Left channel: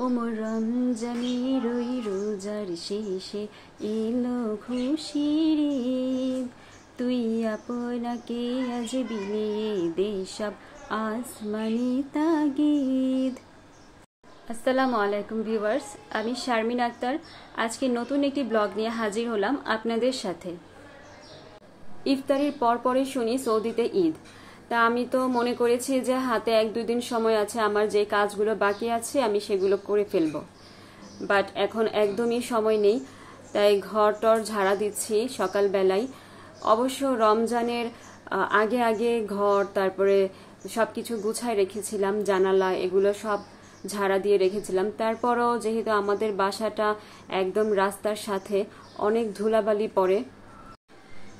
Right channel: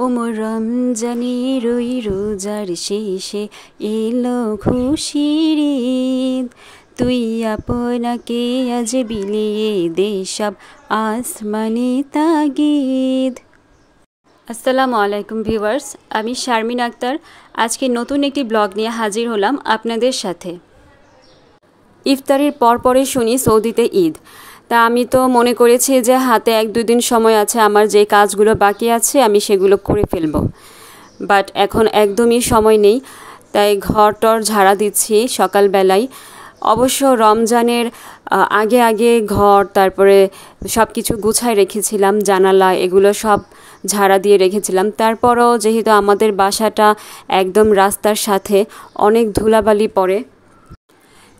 ওমর রমজানের ওই রোজার শেষে এলো খুশির ঈদ। তুই আপনাকে আজ বিলিয়ে দে সব আসমানি তাগিদ। আসসালামু আলাইকুম ভিউয়ার্স, আমি শারমিন আক্তার। আজকে নতুন একটি ব্লগ নিয়ে হাজির হলাম আপনাদের সাথে। ইফতারের পরপরই শুনি সৌদিতে ঈদ। তা আমি তো মনে করেছি যে হাতে 1-2 দিন সময় আছে, আমার যে কাজগুলো বাকি আছে আমি সেগুলো করে ফেলবো। বাট এখন একদমই সময় নেই, তাই ঘর-টর ঝাড়া দিচ্ছি সকালবেলায়। অবশ্য রমজানের আগে আগে ঘর তারপরে সব কিছু গুছায় রেখেছিলাম, জানালা এগুলো সব ঝাড়া দিয়ে রেখেছিলাম। তারপরও যেহেতু আমাদের বাসাটা একদম রাস্তার সাথে, অনেক ধুলাবালি পড়ে,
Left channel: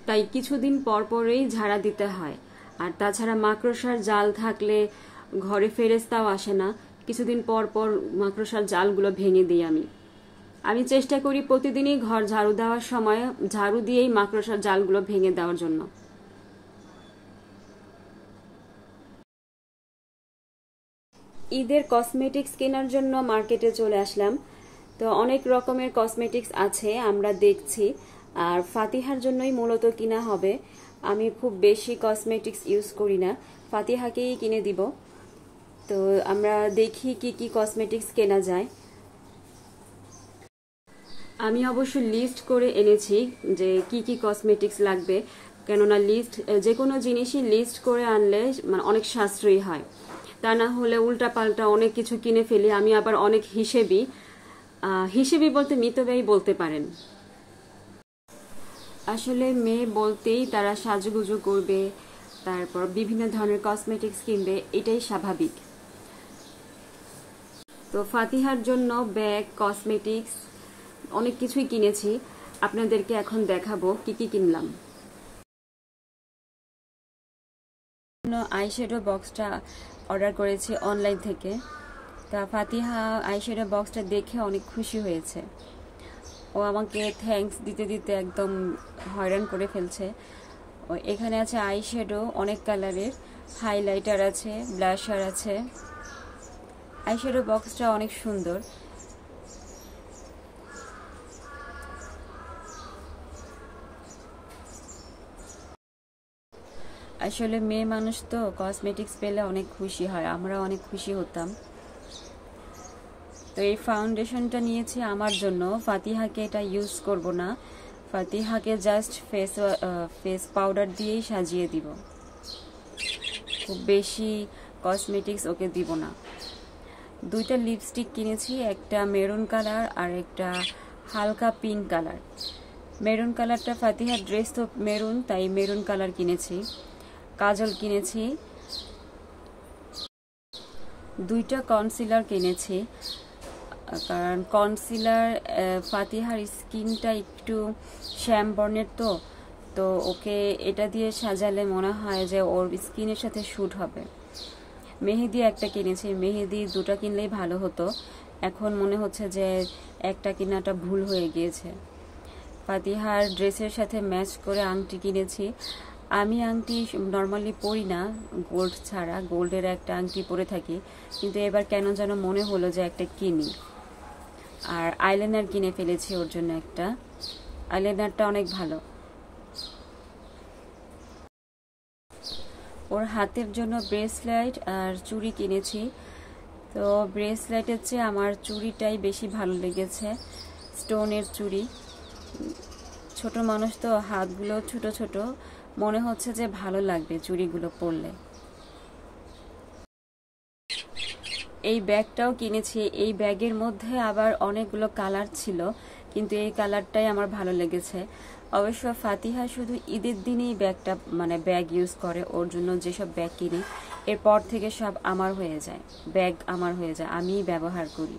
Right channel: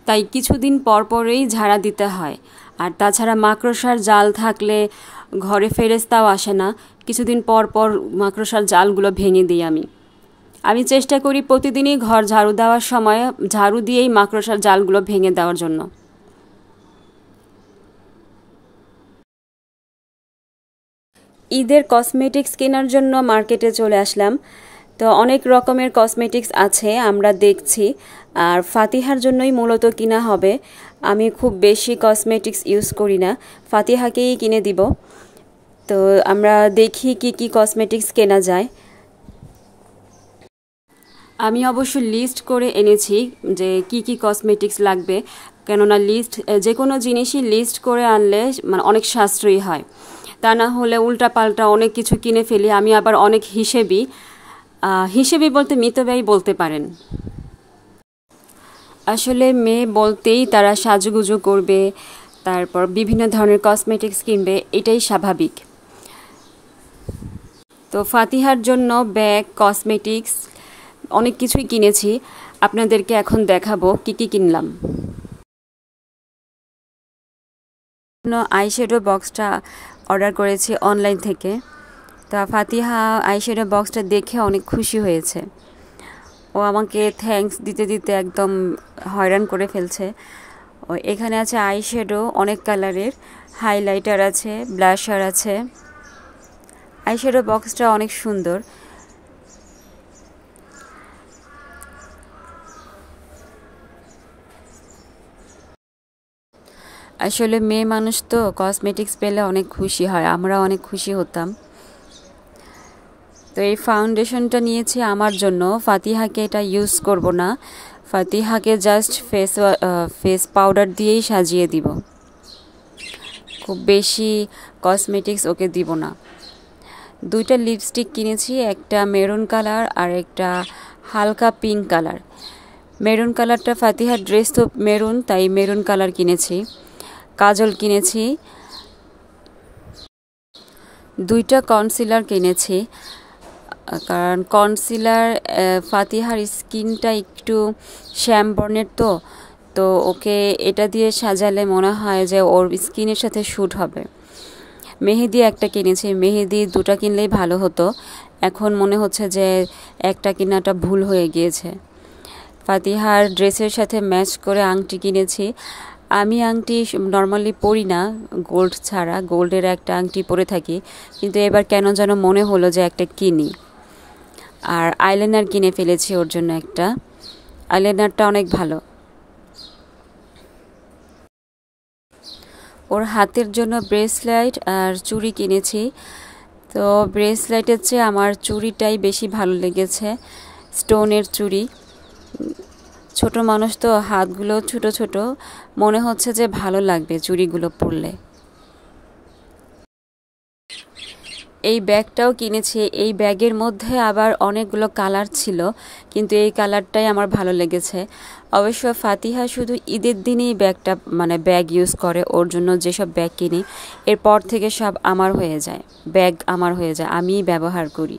তাই কিছুদিন পরপরই ঝাড়া দিতে হয়। আর তাছাড়া মাকড়সার জাল থাকলে ঘরে ফেরেস্তাও আসে না, কিছুদিন পর পর মাকড়সার জালগুলো ভেঙে দিই আমি চেষ্টা করি প্রতিদিনই ঘর ঝাড়ু দেওয়ার সময় ঝাড়ু দিয়েই মাকড়সার জালগুলো ভেঙে দেওয়ার জন্য। ঈদের কসমেটিক্স কেনার জন্য মার্কেটে চলে আসলাম। তো অনেক রকমের কসমেটিক্স আছে, আমরা দেখছি। আর ফাতিহার জন্যই মূলত কিনা হবে। আমি খুব বেশি কসমেটিক্স ইউজ করি না, ফাতিহাকেই কিনে দিব। তো আমরা দেখি কি কি কসমেটিক্স কেনা যায়। আমি অবশ্য লিস্ট করে এনেছি যে কি কি কসমেটিক্স লাগবে, কেননা যে কোনো জিনিসই লিস্ট করে আনলে মানে অনেক সাশ্রয়ী হয়। তা না হলে উল্টাপাল্টা অনেক কিছু কিনে ফেলি। আমি আবার অনেক হিসেবি বলতে মিতব্যয়ী বলতে পারেন। আসলে মেয়ে বলতেই তারা সাজুগুজু করবে, তারপর বিভিন্ন ধরনের কসমেটিক্স কিনবে, এটাই স্বাভাবিক। তো ফাতিহার জন্য ব্যাগ, কসমেটিক্স অনেক কিছুই কিনেছি, আপনাদেরকে এখন দেখাবো কি কি কিনলাম। আইশ্যাডো বক্সটা অর্ডার করেছি অনলাইন থেকে। তা ফাতিহা আইশ্যাডো বক্সটা দেখে অনেক খুশি হয়েছে। ও আমাকে থ্যাঙ্কস দিতে দিতে একদম হয়রান করে ফেলছে। এখানে আছে আইশ্যাডো অনেক কালারের, হাইলাইটার আছে, ব্লাশার আছে। আইশ্যাডো বক্সটা অনেক সুন্দর। আসলে মেয়ে মানুষ তো কসমেটিক্স পেলে অনেক খুশি হয়, আমরা অনেক খুশি হতাম। তো এই ফাউন্ডেশনটা নিয়েছি আমার জন্য, ফাতিহাকে এটা ইউজ করব না, ফাতিহাকে জাস্ট ফেস পাউডার দিয়েই সাজিয়ে দিব, খুব বেশি কসমেটিক্স ওকে দিব না। 2টা লিপস্টিক কিনেছি, একটা মেরুন কালার আর একটা হালকা পিঙ্ক কালার। মেরুন কালারটা ফাতিহার ড্রেস তো মেরুন, তাই মেরুন কালার কিনেছি। কাজল কিনেছি, 2টা কনসিলার কিনেছি, কারণ কনসিলার ফাতিহার স্কিনটা একটু শ্যাম বর্ণের, তো ওকে এটা দিয়ে সাজালে মনে হয় যে ওর স্কিনের সাথে শ্যুট হবে। মেহেদি একটা কিনেছি, মেহেদি 2টা কিনলেই ভালো হতো, এখন মনে হচ্ছে যে একটা কেনাটা ভুল হয়ে গিয়েছে। ফাতিহার ড্রেসের সাথে ম্যাচ করে আংটি কিনেছি। আমি আংটি নর্মালি পরি না, গোল্ড ছাড়া, গোল্ডের একটা আংটি পরে থাকি, কিন্তু এবার কেন যেন মনে হলো যে একটা কিনি। আর আইলাইনার কিনে ফেলেছি ওর জন্য একটা, আইলাইনারটা অনেক ভালো। ওর হাতের জন্য ব্রেসলেট আর চুড়ি কিনেছি। তো ব্রেসলেটের চেয়ে আমার চুড়িটাই বেশি ভালো লেগেছে, স্টোনের চুড়ি। ছোট মানুষ তো, হাতগুলো ছোট ছোট, মনে হচ্ছে যে ভালো লাগবে চুড়িগুলো পরলে। এই ব্যাগটাও কিনেছি, এই ব্যাগের মধ্যে আবার অনেকগুলো কালার ছিল, কিন্তু এই কালারটাই আমার ভালো লেগেছে। অবশ্য ফাতিহা শুধু ঈদের দিনই ব্যাগ ইউজ করে, ওর জন্য যেসব ব্যাগ কিনি এরপর থেকে সব আমার হয়ে যায়, ব্যাগ আমার হয়ে যায়, আমিই ব্যবহার করি।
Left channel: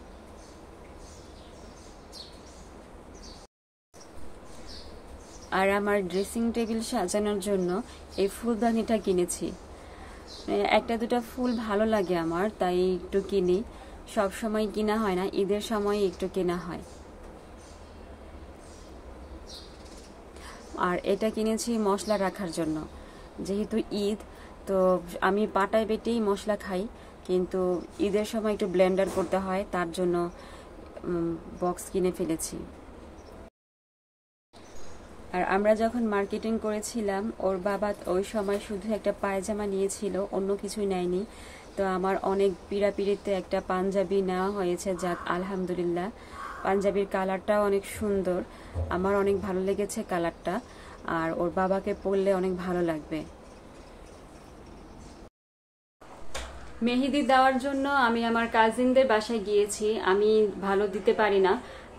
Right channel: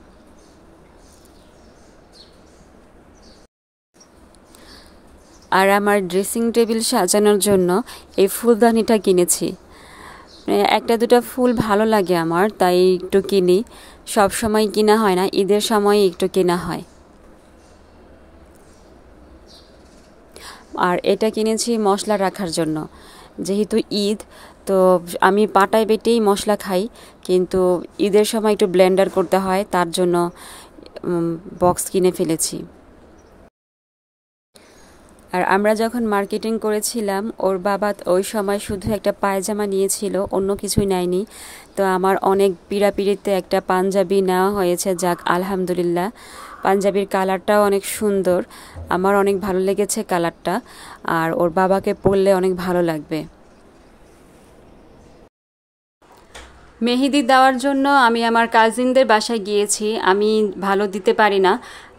আর আমার ড্রেসিং টেবিল সাজানোর জন্য এই ফুলদানিটা কিনেছি। 1-2টা ফুল ভালো লাগে আমার, তাই একটু কিনি, সব সময় কিনা হয় না, ঈদের সময় একটু কেনা হয়। আর এটা কিনেছি মশলা রাখার জন্য, যেহেতু ঈদ, তো আমি পাটায় বেটেই মশলা খাই, কিন্তু ঈদের সময় একটু ব্লেন্ডার করতে হয়, তার জন্য বক্স কিনে ফেলেছি। আর আমরা যখন মার্কেটিং করেছিলাম, ওর বাবা ওই সময় শুধু একটা পায়জামা নিয়েছিল, অন্য কিছুই নেয়নি। তো আমার অনেক পিড়াপিড়িতে একটা পাঞ্জাবি নেওয়া হয়েছে, যাক আলহামদুলিল্লাহ। পাঞ্জাবির কালারটাও অনেক সুন্দর, আমার অনেক ভালো লেগেছে কালারটা, আর ওর বাবাকে পরলে অনেক ভালো লাগবে। মেহেদি দেওয়ার জন্য আমি আমার কাজিনদের বাসায় গিয়েছি। আমি ভালো দিতে পারি না,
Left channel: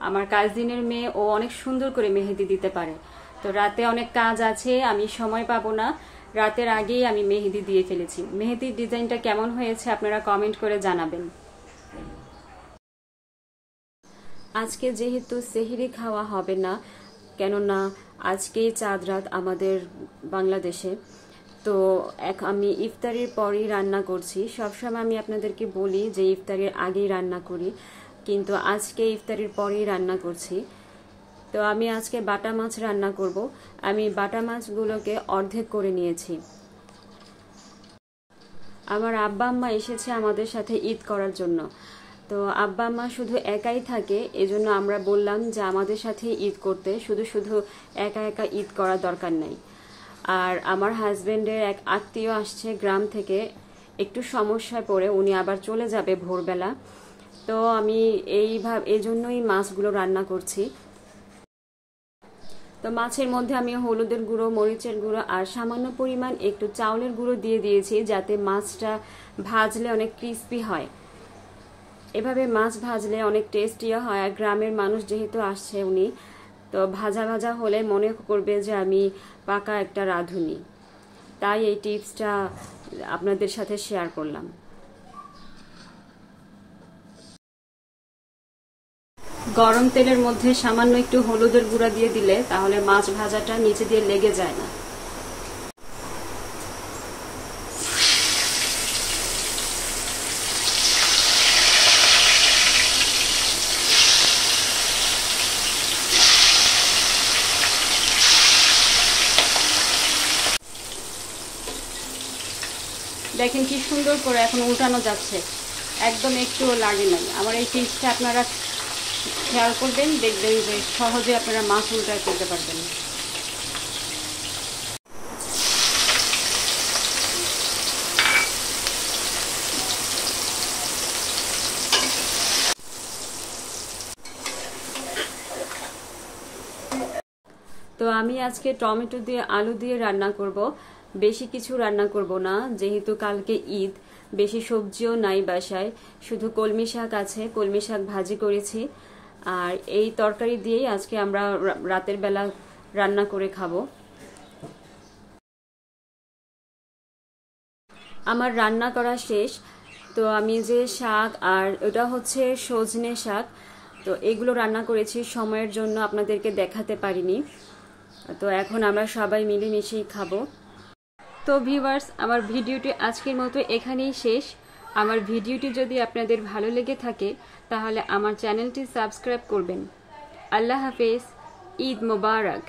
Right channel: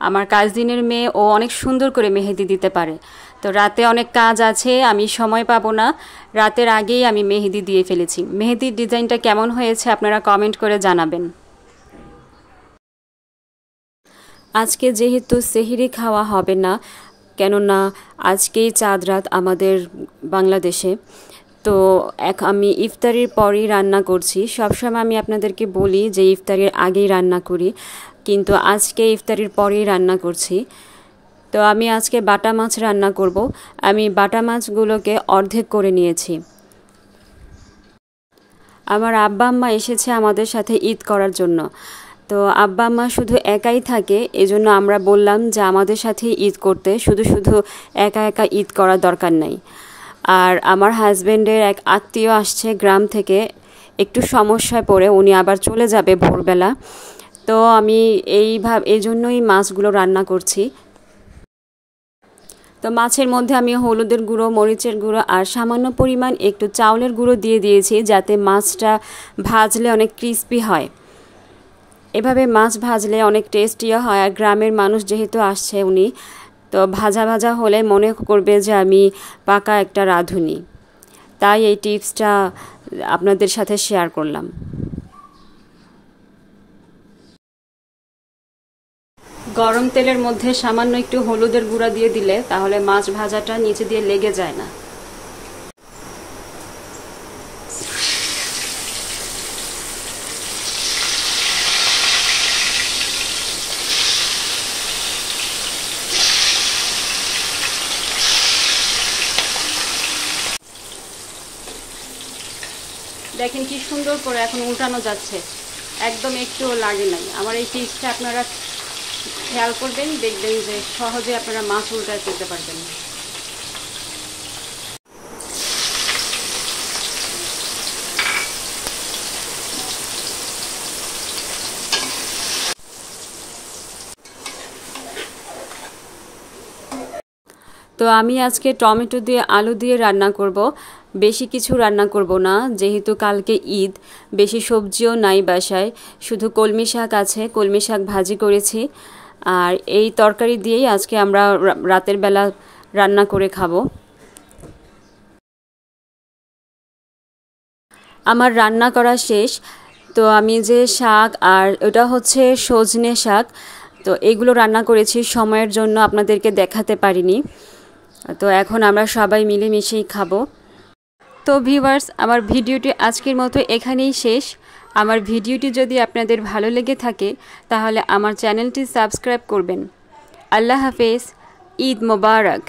আমার কাজিনের মেয়ে ও অনেক সুন্দর করে মেহেদি দিতে পারে। তো রাতে অনেক কাজ আছে, আমি সময় পাবো না, রাতের আগেই আমি মেহেদি দিয়ে ফেলেছি। মেহেদির ডিজাইনটা কেমন হয়েছে আপনারা কমেন্ট করে জানাবেন। আজকে যেহেতু সেহরি খাওয়া হবে না, কেননা আজকেই চাঁদ রাত আমাদের বাংলাদেশে, তো আমি ইফতারির পরই রান্না করছি। সবসময় আমি আপনাদেরকে বলি যে ইফতারির আগেই রান্না করি, কিন্তু আজকে ইফতারির পরেই রান্না করছি। তো আমি আজকে বাটা মাছ রান্না করব। আমি বাটা মাছগুলোকে অর্ধেক করে নিয়েছি। আমার আব্বা আম্মা এসেছে আমাদের সাথে ঈদ করার জন্য। তো আব্বা আম্মা শুধু একাই থাকে, এজন্য আমরা বললাম যে আমাদের সাথে ঈদ করতে, শুধু শুধু একা একা ঈদ করার দরকার নাই। আর আমার হাজব্যান্ডের এক আত্মীয় আসছে গ্রাম থেকে, একটু সমস্যায় পড়ে উনি আবার চলে যাবে ভোরবেলা। তো আমি এই জন্যই মাছগুলো রান্না করছি। তো মাছের মধ্যে আমি হলুদের গুঁড়ো, মরিচের গুঁড়ো আর সামান্য পরিমাণ একটু চাউলের গুঁড়ো দিয়ে দিয়েছি, যাতে মাছটা ভাজলে অনেক ক্রিস্পি হয়। এভাবে মাছ ভাজলে অনেক টেস্টিও হয়। আর গ্রামের মানুষ যেহেতু আসছে উনি, তো ভাজা ভাজা হলে মনে করবে যে আমি পাকা একটা রাঁধুনি, তাই এই টিপসটা আপনাদের সাথে শেয়ার করলাম। গরম তেলের মধ্যে সামান্য একটু হলুদের গুঁড়া দিয়ে দিলে তাহলে মাছ ভাজাটা নিচে দিয়ে লেগে যায় না। দেখেন কি সুন্দর করে এখন উল্টানো যাচ্ছে, একদম একটুও লাগে নাই। আমার এই টিপসটা আপনারা খেয়াল করবেন, দেখবেন যে সহজে আপনারা মাছ উল্টায় ফেলতে পারবেন। তো আমি আজকে টমেটো দিয়ে আলু দিয়ে রান্না করব। বেশি কিছু রান্না করব না, যেহেতু কালকে ঈদ, বেশি সবজিও নাই বাসায়, শুধু কলমি শাক আছে, কলমি শাক ভাজি করেছি। আর এই তরকারি দিয়েই আজকে আমরা রাতের বেলা রান্না করে খাবো। আমার রান্না করা শেষ। তো আমি যে শাক, আর ওটা হচ্ছে সজনে শাক, তো এগুলো রান্না করেছি, সময়ের জন্য আপনাদেরকে দেখাতে পারিনি। তো এখন আমরা সবাই মিলেমিশেই খাবো। তো ভিউয়ার্স, আমার ভিডিওটি আজকের মতো এখানেই শেষ। আমার ভিডিওটি যদি আপনাদের ভালো লেগে থাকে তাহলে আমার চ্যানেলটি সাবস্ক্রাইব করবেন। আল্লাহ হাফেজ, ঈদ মোবারক।